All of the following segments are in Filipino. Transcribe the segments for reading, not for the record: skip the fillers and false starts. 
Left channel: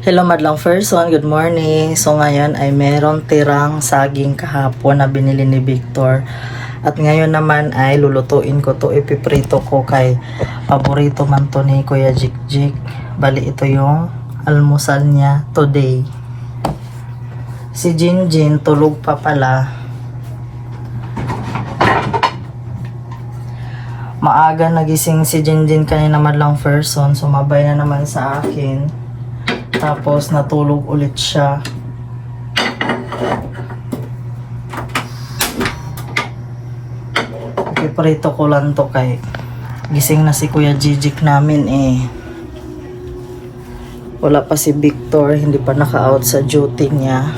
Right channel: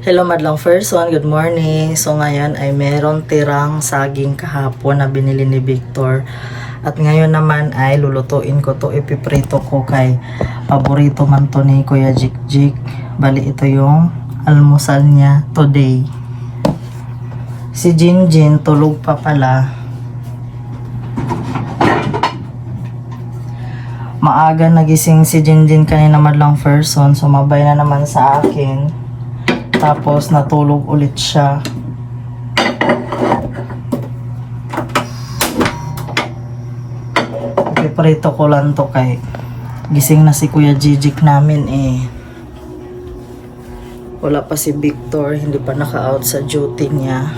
Hello madlang person, good morning. So ngayon ay meron tirang saging kahapon na binili ni Victor. At ngayon naman ay lulutuin ko to, ipiprito ko kay paborito man to ni Kuya Jikjik. Bali ito yung almusal niya today. Si Jinjin tulog pa pala. Maaga nagising si Jinjin kanina madlang person, sumabay na naman sa akin. Tapos natulog ulit siya. Ipiprito ko lang to kay gising na si Kuya Jijik namin eh. Wala pa si Victor, hindi pa naka-out sa duty niya.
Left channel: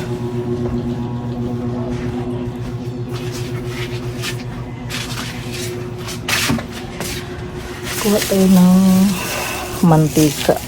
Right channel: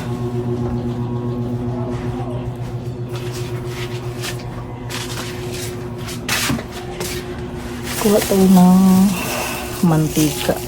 Kuha tayo ng mantika.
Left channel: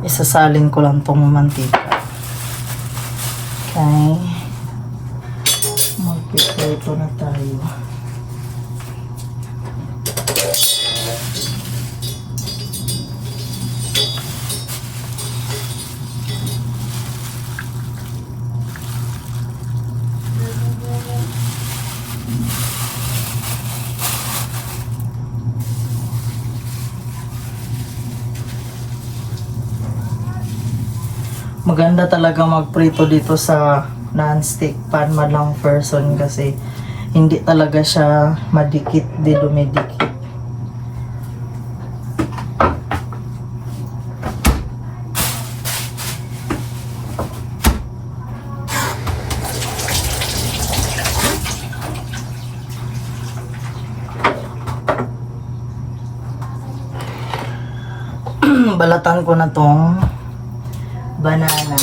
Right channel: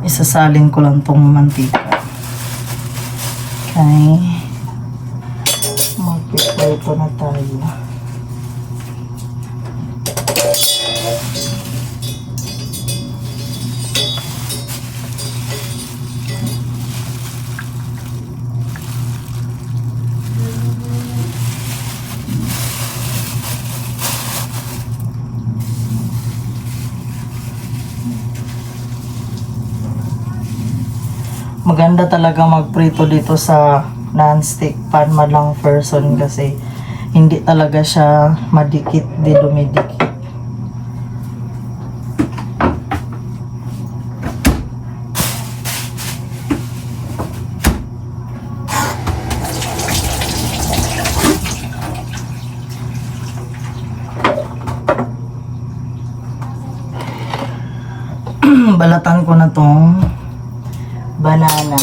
Isasalin ko lang tong mantika. Okay. Magpiprito na tayo. Maganda talaga magprito dito sa non-stick pan madlang person kasi hindi talaga siya madikit, di dumidikit. Balatan ko na tong banana.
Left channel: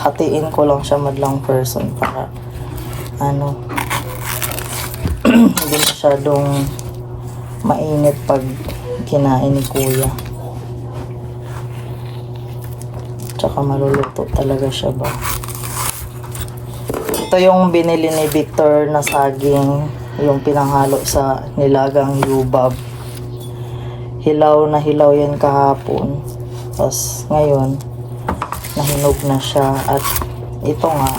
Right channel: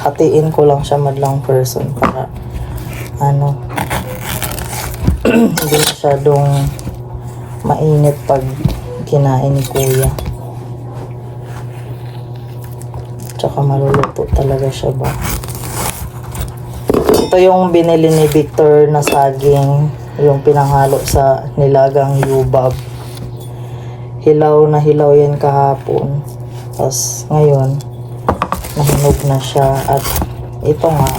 Hatiin ko lang siya madlang person para hindi masyadong mainit pag kinain ni Kuya. Tsaka maluluto talaga siya ba. Ito yung binili ni Victor na saging, yung pinanghalo sa nilagang yubab. Hilaw na hilaw yan kahapon. Tapos ngayon nahinog na siya. At ito nga,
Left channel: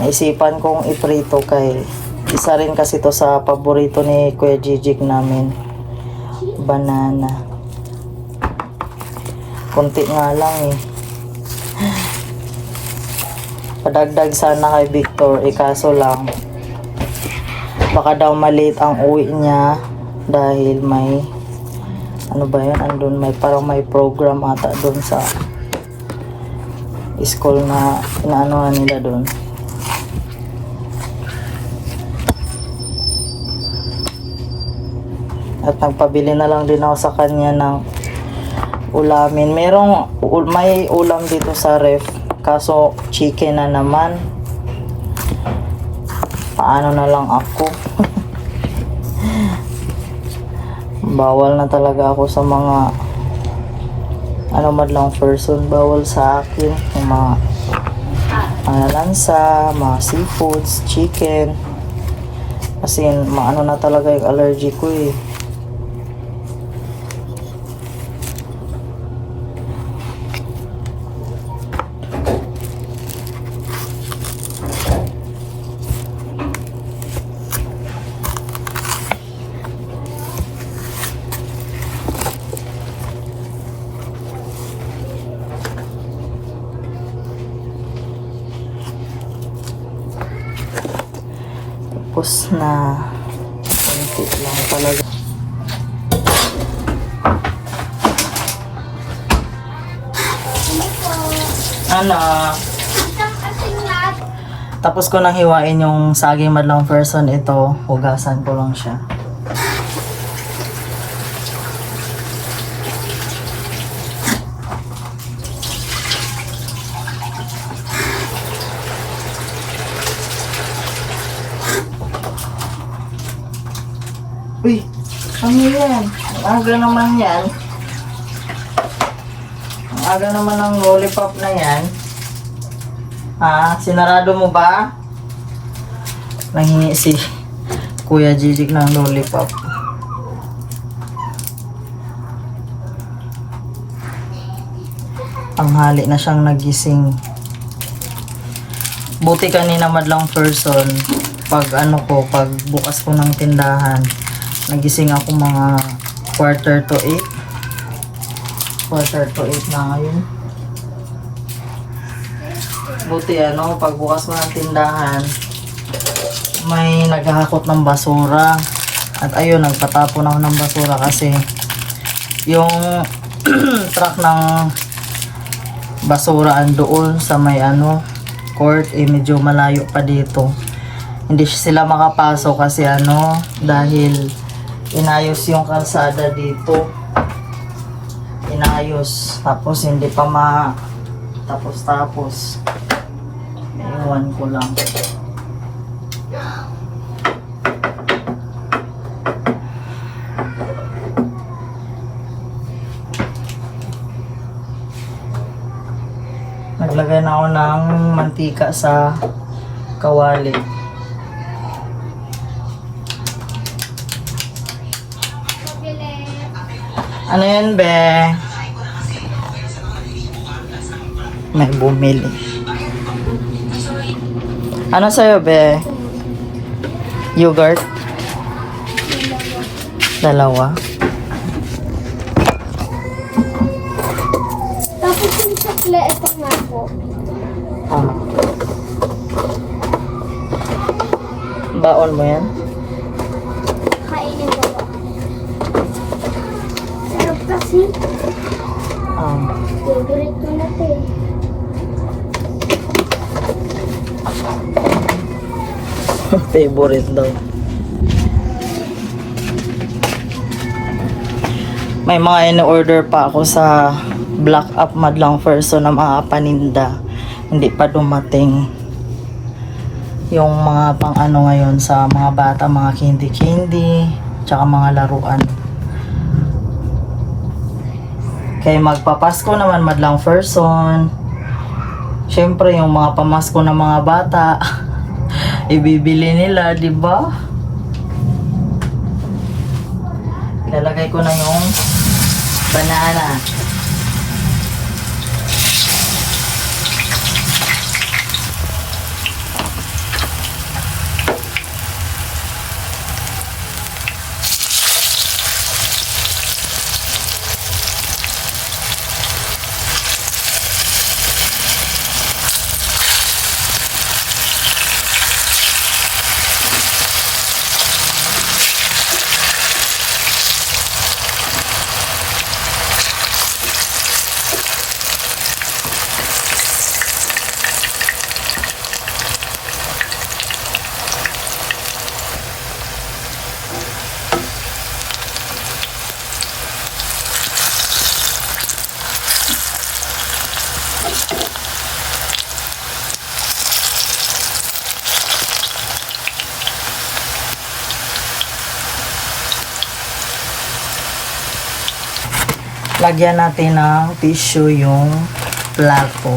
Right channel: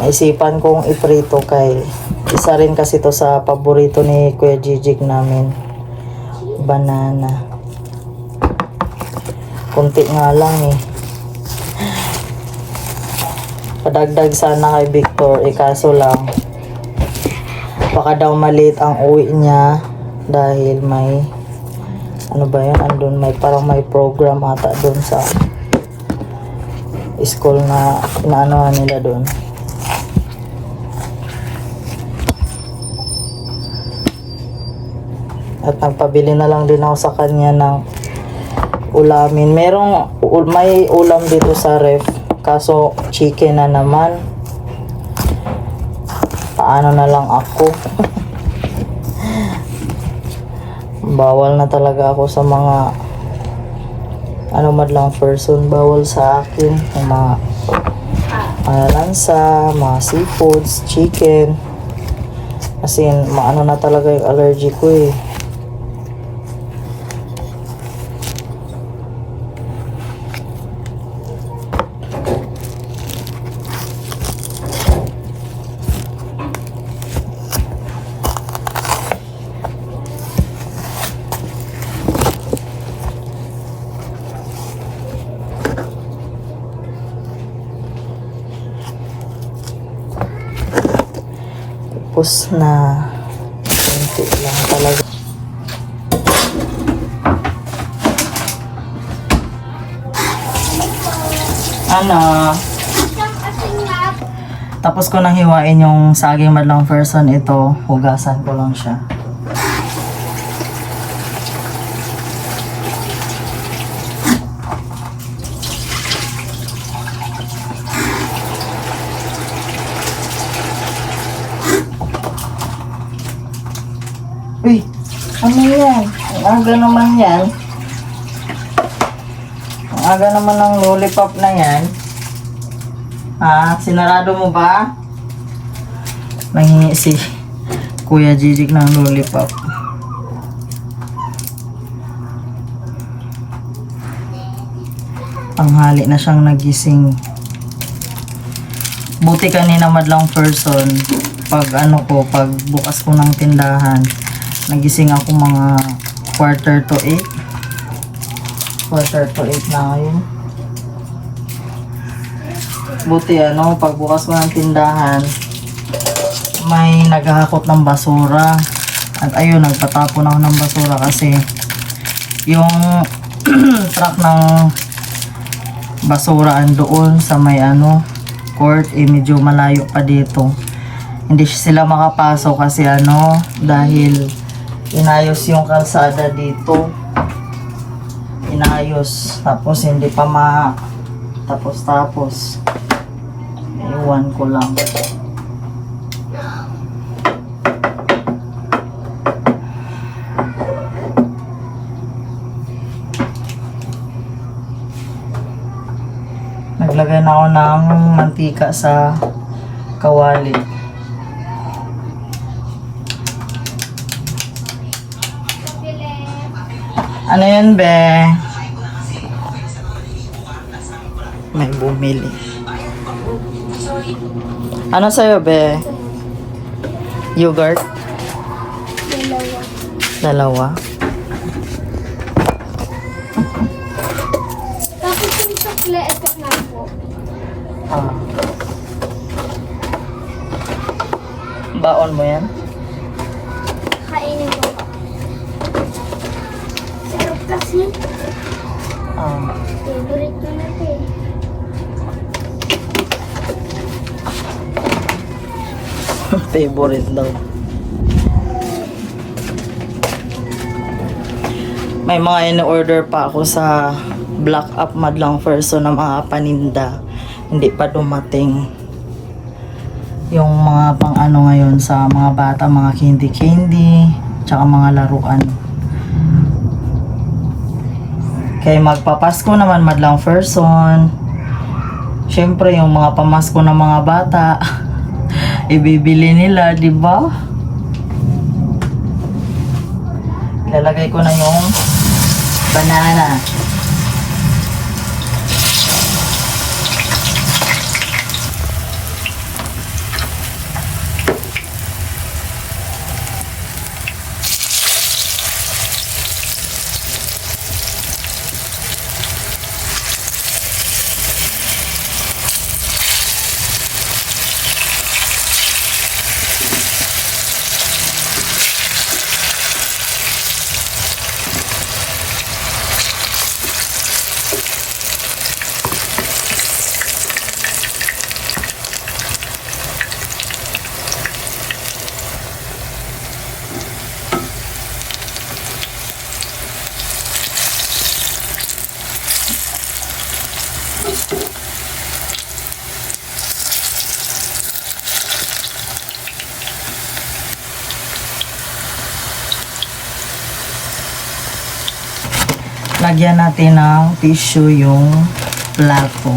naisipan kong iprito kay isa rin kasi to sa paborito ni Kuya Jijik namin, banana. Kunti nga lang eh. Padagdag sana kay Victor, kaso lang baka daw maliit ang uwi niya dahil may andun may parang may program ata doon sa school na inaano nila doon. At nagpabili na lang din ako sa kanya ng ulamin. May ulam dito sa ref, kaso chicken na naman. Paano na lang ako? Bawal na talaga ako sa mga madlang person. Bawal sa akin yung mga lansa, mga seafoods, chicken, kasi na talaga yung allergy ko eh. Tapos na konti lang talaga. Ano? Tapos ko nang hiwain yung saging madlang person, ito, hugasan ko lang siya. Uy, ano yan? Ang aga naman yan. Ang aga naman ng lollipop na yan. Sinarado mo ba? Nanghingi si Kuya Jijik ng lollipop. Panghali na siyang nagising. Buti kanina madlang person. Pag pag bukas ko ng tindahan, nagising ako mga 7:45. 7:45 na ngayon. Buti pagbukas mo ng tindahan, may naghahakot ng basura. At ayun, nagpatapon ako ng basura kasi yung truck ng basura doon sa may court, medyo malayo pa dito. Hindi sila makapasok kasi dahil inayos yung kalsada dito. Inayos, tapos hindi pa tapos. Iwan ko lang. Naglagay na ako ng mantika sa kawali. Ano yan, be? May bumili. Ano sa'yo, be? Yogurt? Dalawa. Tapos yung sukle, ito nga po. Baon mo yan? Kainin ko po. Sarap kasi. Favorite ko na ito eh. Favorite daw. May mga in-order pa ako sa Black Up madlang person ng mga paninda. Hindi pa dumating. Yung mga pang ngayon sa mga bata, mga candy, tsaka mga laruan. Kaya magpapasko naman madlang person. Syempre yung mga pamasko ng mga bata, ibibili nila, di ba? Ilalagay ko na yung banana. Lagyan natin ng tissue yung plato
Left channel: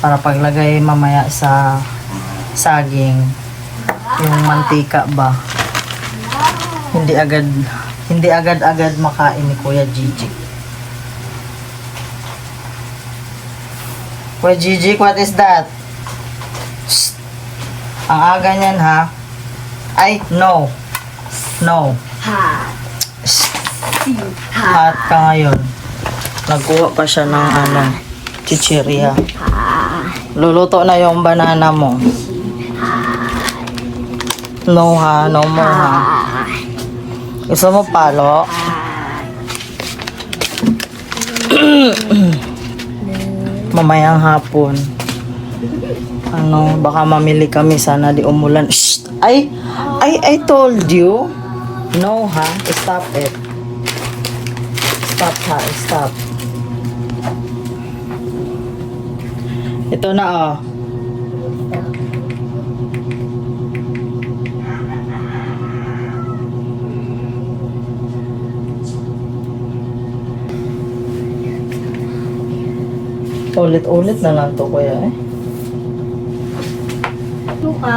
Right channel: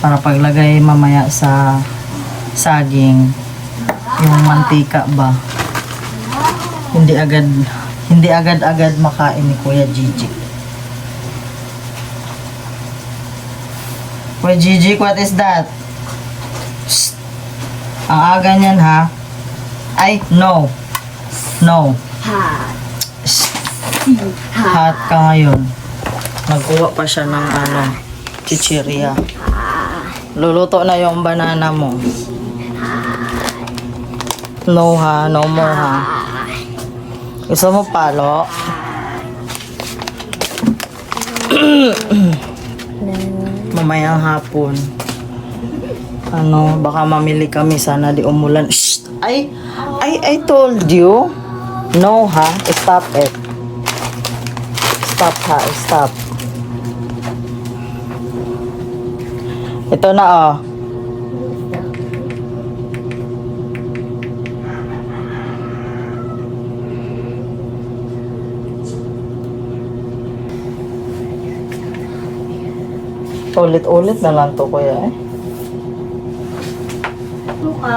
para paglagay mamaya sa saging, yung mantika ba, hindi agad makain ni Kuya Gigi. Kuya Gigi, what is that? Shh. Ang aga niyan, ha? Ay, no. Hot ka ngayon. Nagkuha pa siya ng chichirya. Luluto na yung banana mo. No ha, no more ha. Gusto mo palo? Mamayang hapon. Ano, baka mamili kami, sana di umulan. Shh! I told you. No ha, stop it. Stop ha, stop. Ito na oh. Ulit-ulit na lang to kuya eh. Suka.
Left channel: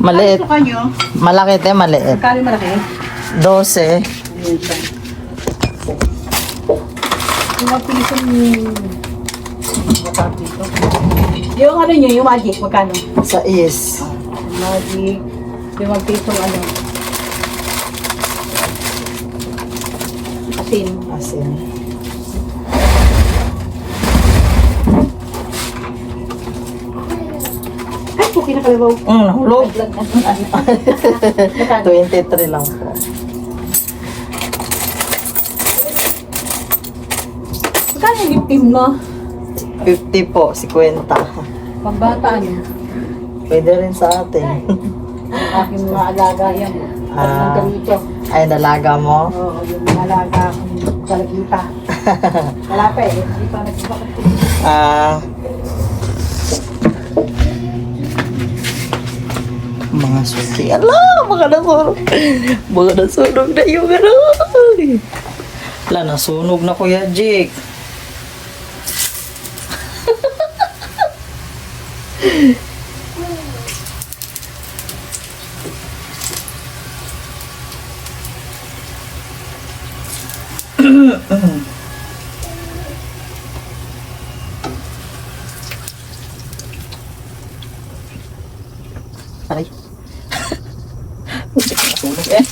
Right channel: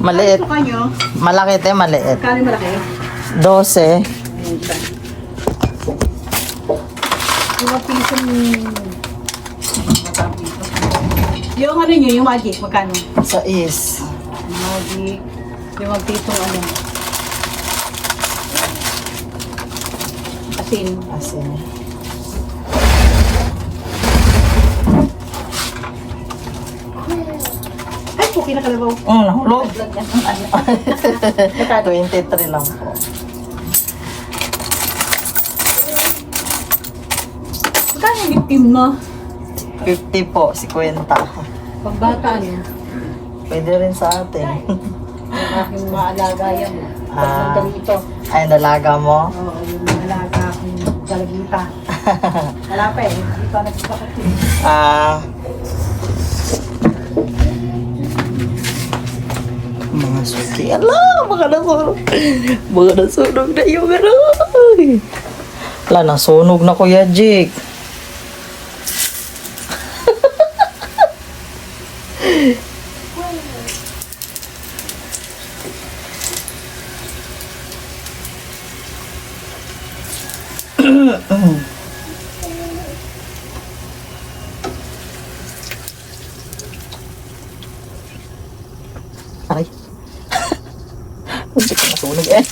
Maliit. Suka nyo. Malaki te, maliit. Kali malaki. 12. Mga pisong yung ano nyo, yung magic, magkano? Sa is. Magic, yung mga pisong ano. Asin. Asin. Ay, puki na kalabaw. Nahulog. Vlog na. 23 lang po. Magkano yung team mo? 50 po, 50. Ang bata niya. Pwede rin sa atin. Ang aking mga alaga yan. Pag ganito. Ay, dalaga mo? Oo, yung mga alaga akong kalagita. Wala pa eh. Hindi pa nagbibakot. Mga suki. Ala, mga nasunog. Mga nasunog na yung ano. Ala, nasunog na Kuya Jake. Aray. Hindi ko masunog eh.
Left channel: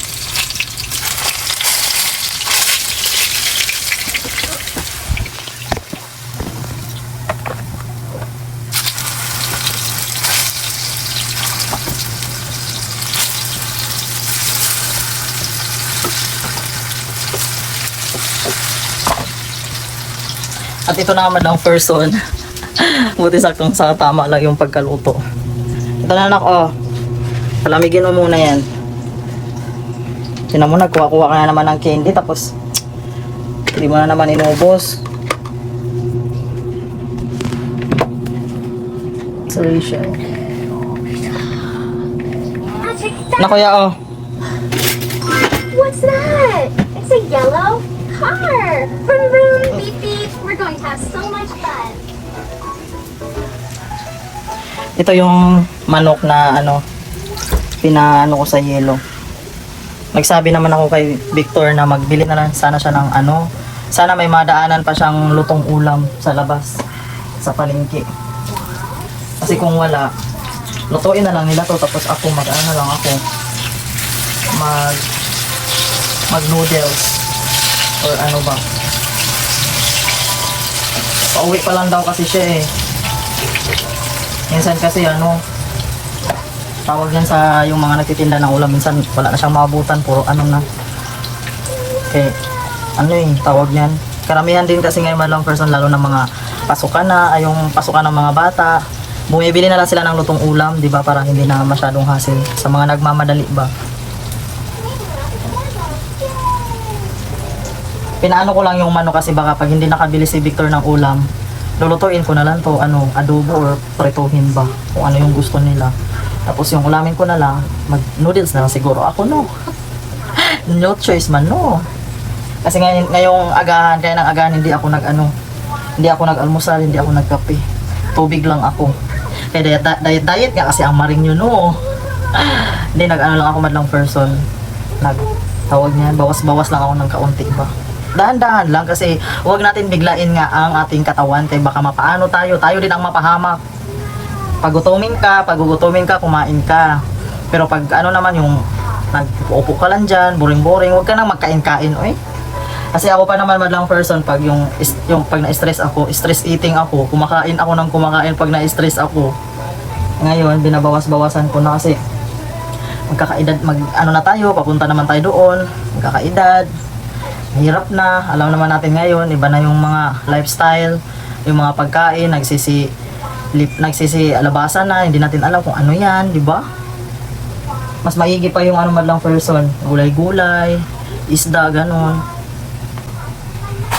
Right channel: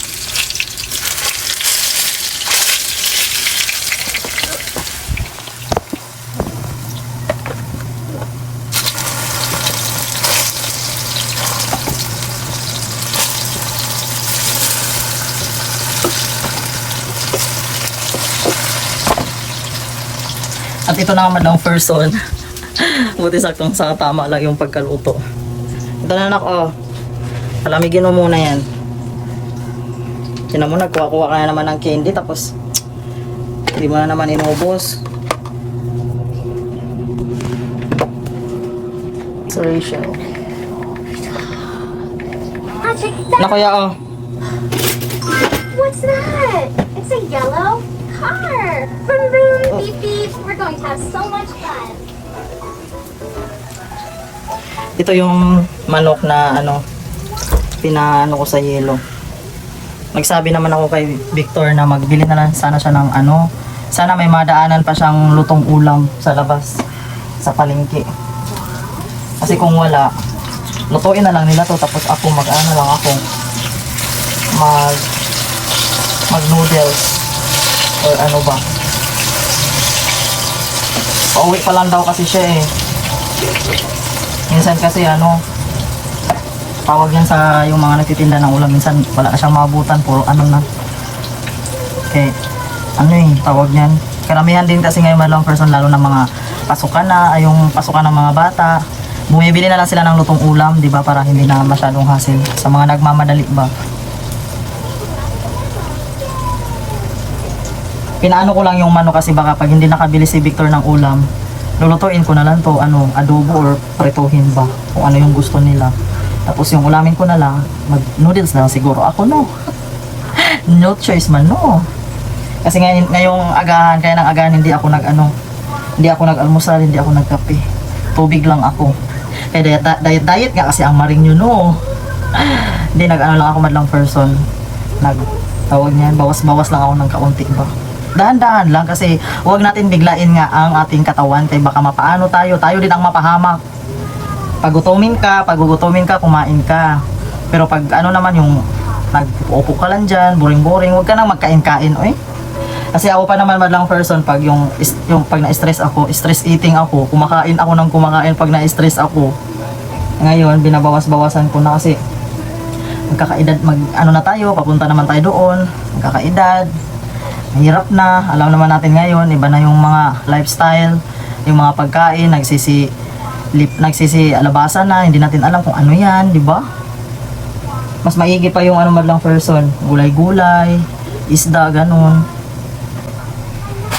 At ito na naman ang person. Buti saktong sa tama lang yung pagkaluto. Ito na anak, oh. Palamigin mo muna yan. Tinan mo, nagkuha-kuha ka na naman ng candy, tapos hindi mo na naman inubos. So, Rachel. Ah, check that. Na kuya, oh. What's that? It's a yellow car. Vroom, vroom, beep, beep. We're going to have so much fun. Ito yung manok na ano, pinaano ko sa yelo. Nagsabi naman ako kay Victor na magbili na lang sana siya ng ano, sana may madaanan pa siyang lutong ulam sa labas, sa palengke. Kasi kung wala, lutuin na lang nila to, tapos ako mag-ano lang ako, mag noodles or ano ba. Pauwi pa lang daw kasi siya eh. Minsan kasi ano, tawag yan sa yung mga nagtitinda ng ulam, minsan wala na siyang maabutan, puro ano na. Okay, ano yung tawag niyan? Karamihan din kasi ngayon madlang person, lalo ng mga pasukan na, ay yung pasukan ng mga bata. Bumibili na lang sila ng lutong ulam, di ba, para hindi na masyadong hassle sa mga nagmamadali ba. Pinaano ko lang yung manok kasi baka pag hindi nakabili si Victor ng ulam, lulutuin ko na lang to, ano, adobo or prituhin ba, kung ano yung gusto nila. Tapos yung ulamin ko na lang, mag noodles na lang siguro ako, no. No choice man, no. Kasi ngayong agahan, kaya ng agahan hindi ako hindi ako nag-almusal, hindi ako nagkape. Tubig lang ako. Kaya diet nga kasi ang maring yun, no. Hindi, nag-ano lang ako madlang person. Tawag niyan, bawas-bawas lang ako ng kaunti ba. Dahan-dahan lang kasi huwag natin biglain nga ang ating katawan kaya baka mapaano tayo din ang mapahamak. Pag gugutumin ka, kumain ka. Pero pag ano naman yung nag-uupo ka lang dyan, boring-boring, huwag ka nang magkain-kain, oy. Kasi ako pa naman madlang person, pag yung pag na-stress ako, stress eating ako, kumakain ako ng kumakain pag na-stress ako. Ngayon, binabawas-bawasan ko na kasi magkakaedad, ano na tayo, papunta naman tayo doon, magkakaedad, mahirap na, alam naman natin ngayon, iba na yung mga lifestyle, yung mga pagkain, nagsisi alabasan na, hindi natin alam kung ano yan, di ba? Mas maigi pa yung ano madlang person, gulay-gulay, isda, ganun.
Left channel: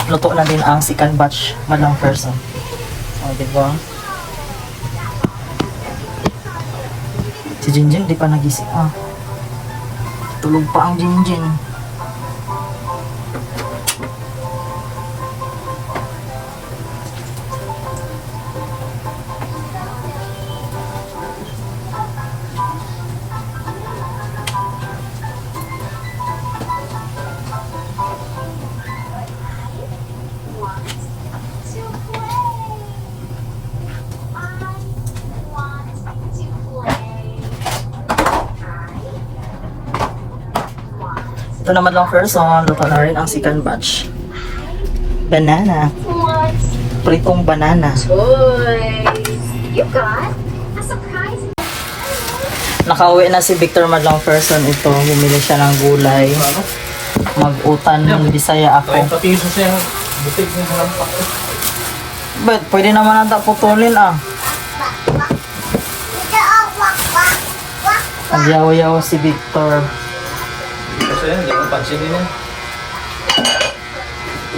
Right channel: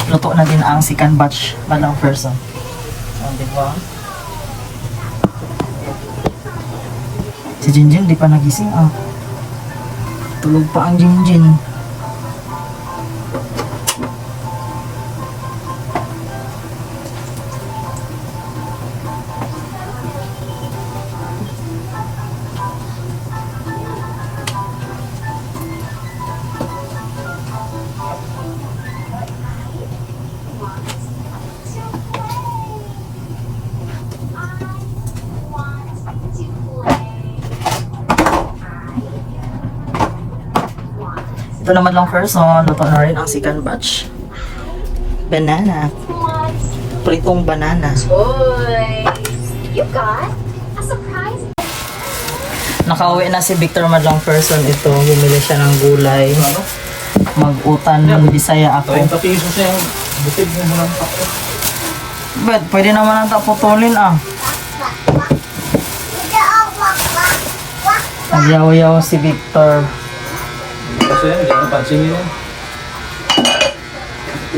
Luto na din ang second batch madlang person. O, di ba? Si Jinjin di pa nagising ah. Tulog pa ang Jinjin. Ito naman lang person, luto na rin ang second batch. Banana. What? Pritong banana. Toys. You got a surprise. Nakauwi na si Victor madlang person dito. Bumili siya ng gulay. Mag-utan ng Bisaya ako. But, pwede naman nata putulin ah. Nagyaw-yaw si Victor.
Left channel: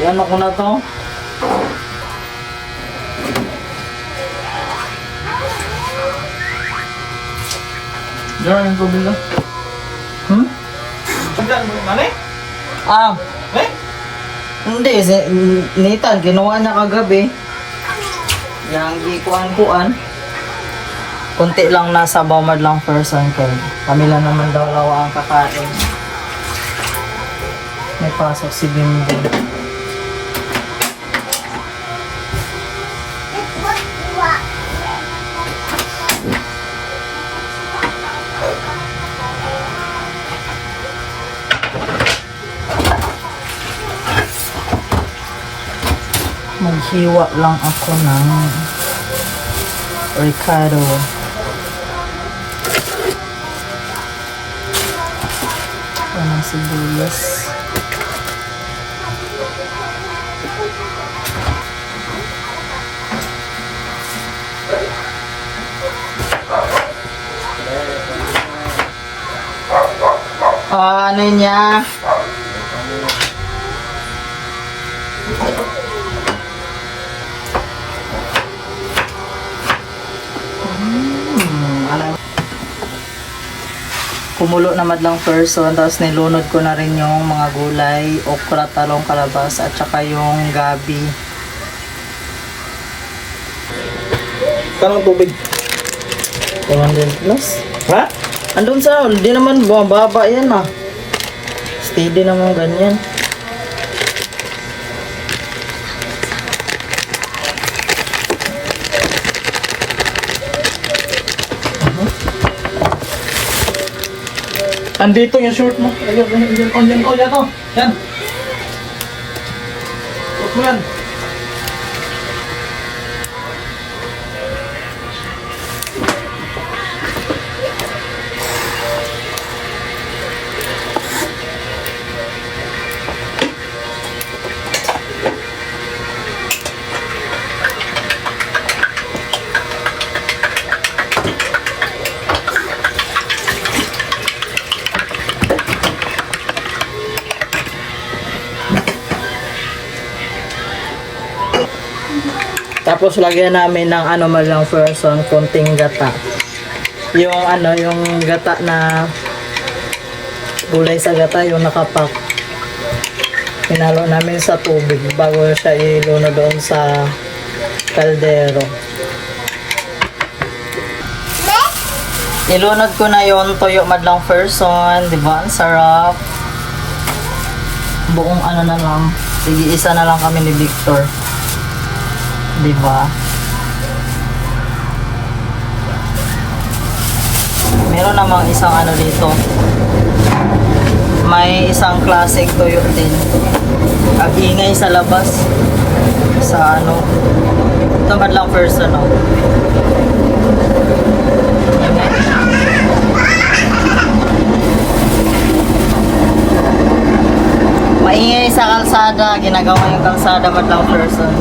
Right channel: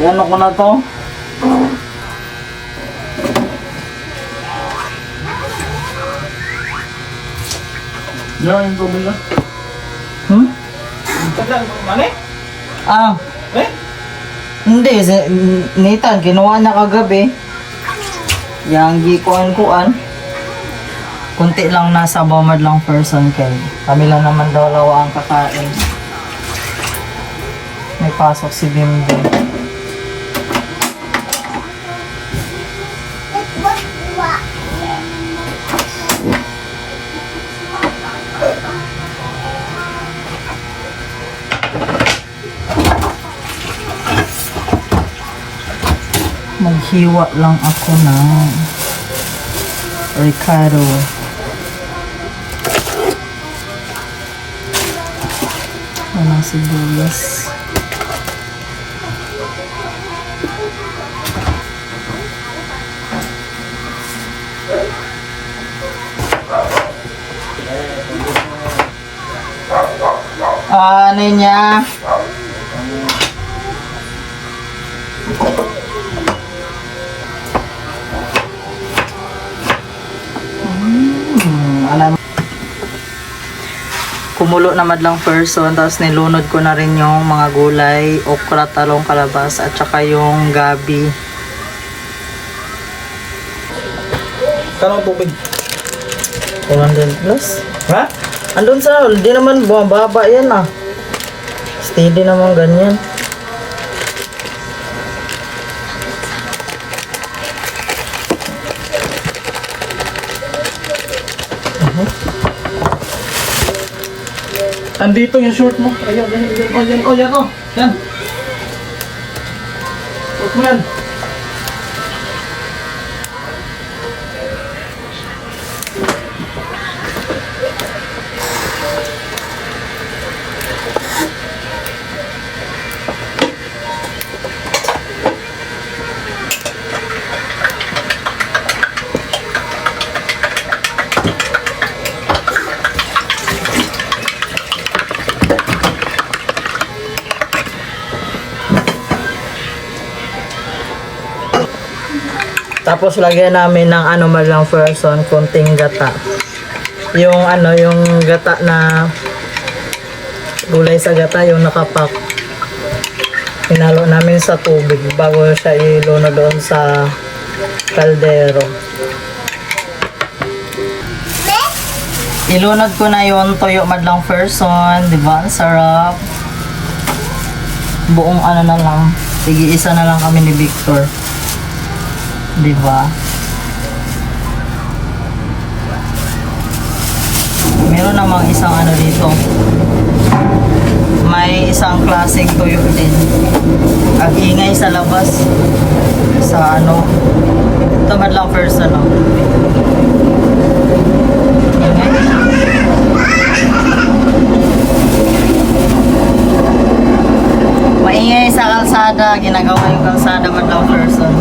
Ano ko na to? Hmm? Ah. Hindi, Nathan, ginawa niya kagabi. Yang gikuan-kuan. Kunti lang nasa bawmad lang person kay kami lang naman dalawa ang kakain. May pasok si Bimbo. Maghiwa lang ako ng Ricardo. Walang sibuyas. Ano niya? Alam. Kumulo na madlang person, tapos nilunod ko na rin yung mga gulay, okra, talong, kalabas, at saka yung gabi. Kanang tubig. 200 plus. Ha? Andun sa ano, di naman bumababa yan ah. Steady naman ganyan. Andito yung short mo. Yan to. Yan. Short mo yan. Tapos lagyan namin ng ano malang person, konting gata. Yung ano, yung gata na gulay sa gata, yung nakapak. Hinalo namin sa tubig bago siya iluno doon sa kaldero. Ilunod ko na yon toyo madlang person, di ba? Ang sarap. Buong ano na lang. Sige, isa na lang kami ni Victor. Di ba? Meron namang isang ano dito. May isang klaseng tuyo din. Ang ingay sa labas. Sa ano. Tamad lang person. Oh. kalsada, ginagawa yung kalsada man lang person.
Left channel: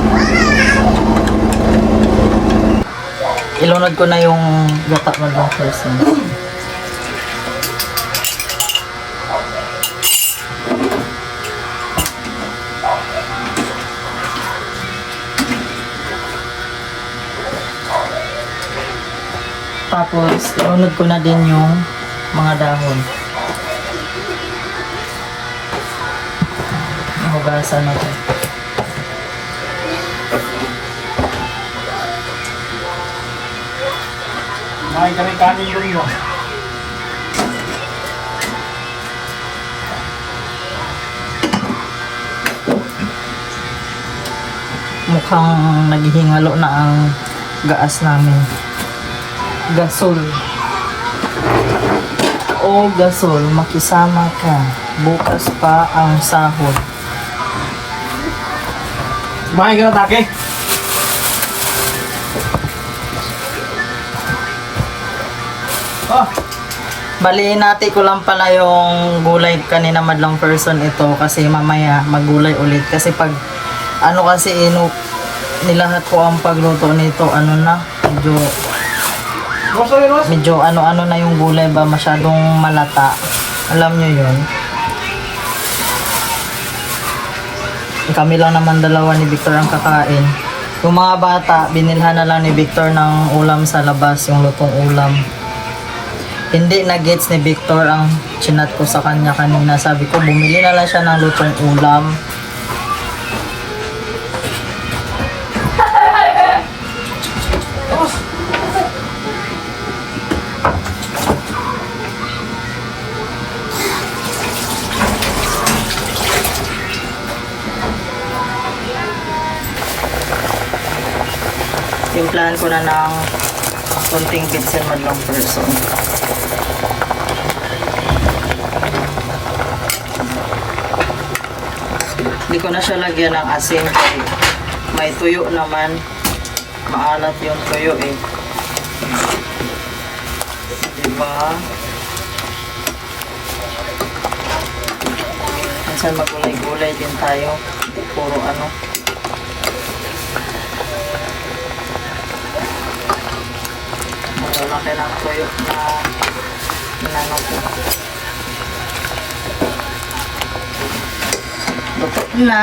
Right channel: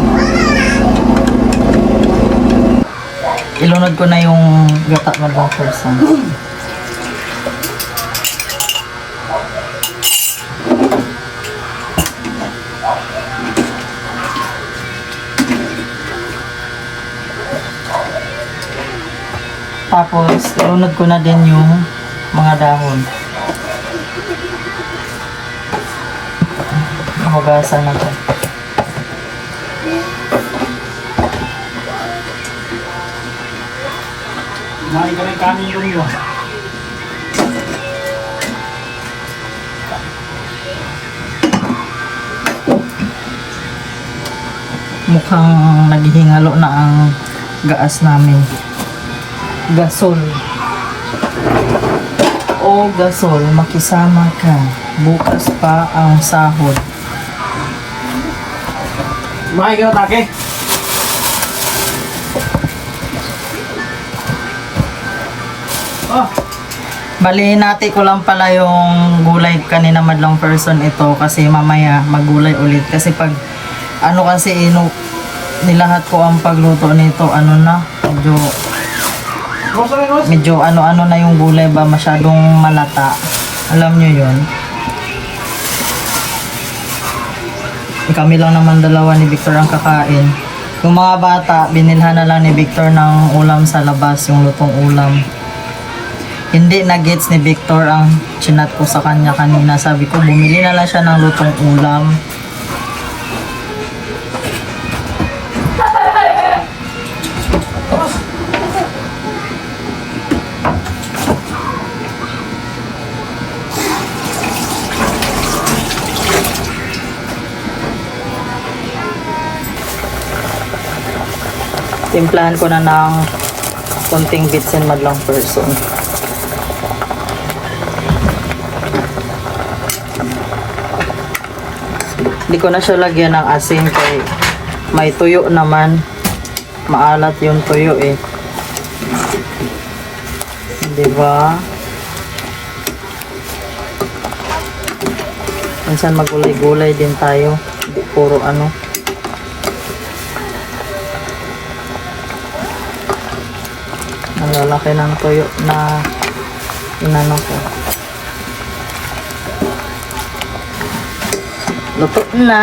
Ilunod ko na yung gata man lang person. Tapos, ilunod ko na din yung mga dahon. Hugasan na to. Nakain kami kanin doon mo. Mukhang naghihingalo na ang gaas namin. Gasol. O gasol, makisama ka. Bukas pa ang sahod. Kumain ka ng take. Ah, Balihin natin ko lang pala yung gulay kanina madlang person ito kasi mamaya maggulay ulit. Kasi pag ano kasi nilahat ko ang pagluto nito medyo ano-ano na yung gulay ba masyadong malata. Alam nyo yun. Kami lang naman dalawa ni Victor ang kakain. Yung mga bata, binilhan na lang ni Victor ng ulam sa labas, yung lutong ulam. Hindi na gets ni Victor ang chinat ko sa kanya kanina. Sabi ko, bumili na lang siya ng lutong ulam. Timplahan ko na ng konting bitsin madlang person. Hindi ko na siya lagyan ng asin kay may tuyo naman. Maalat yung tuyo eh. Diba? Minsan magulay-gulay din tayo. Puro ano. Ang lalaki ng tuyo na inano ko. Luto na.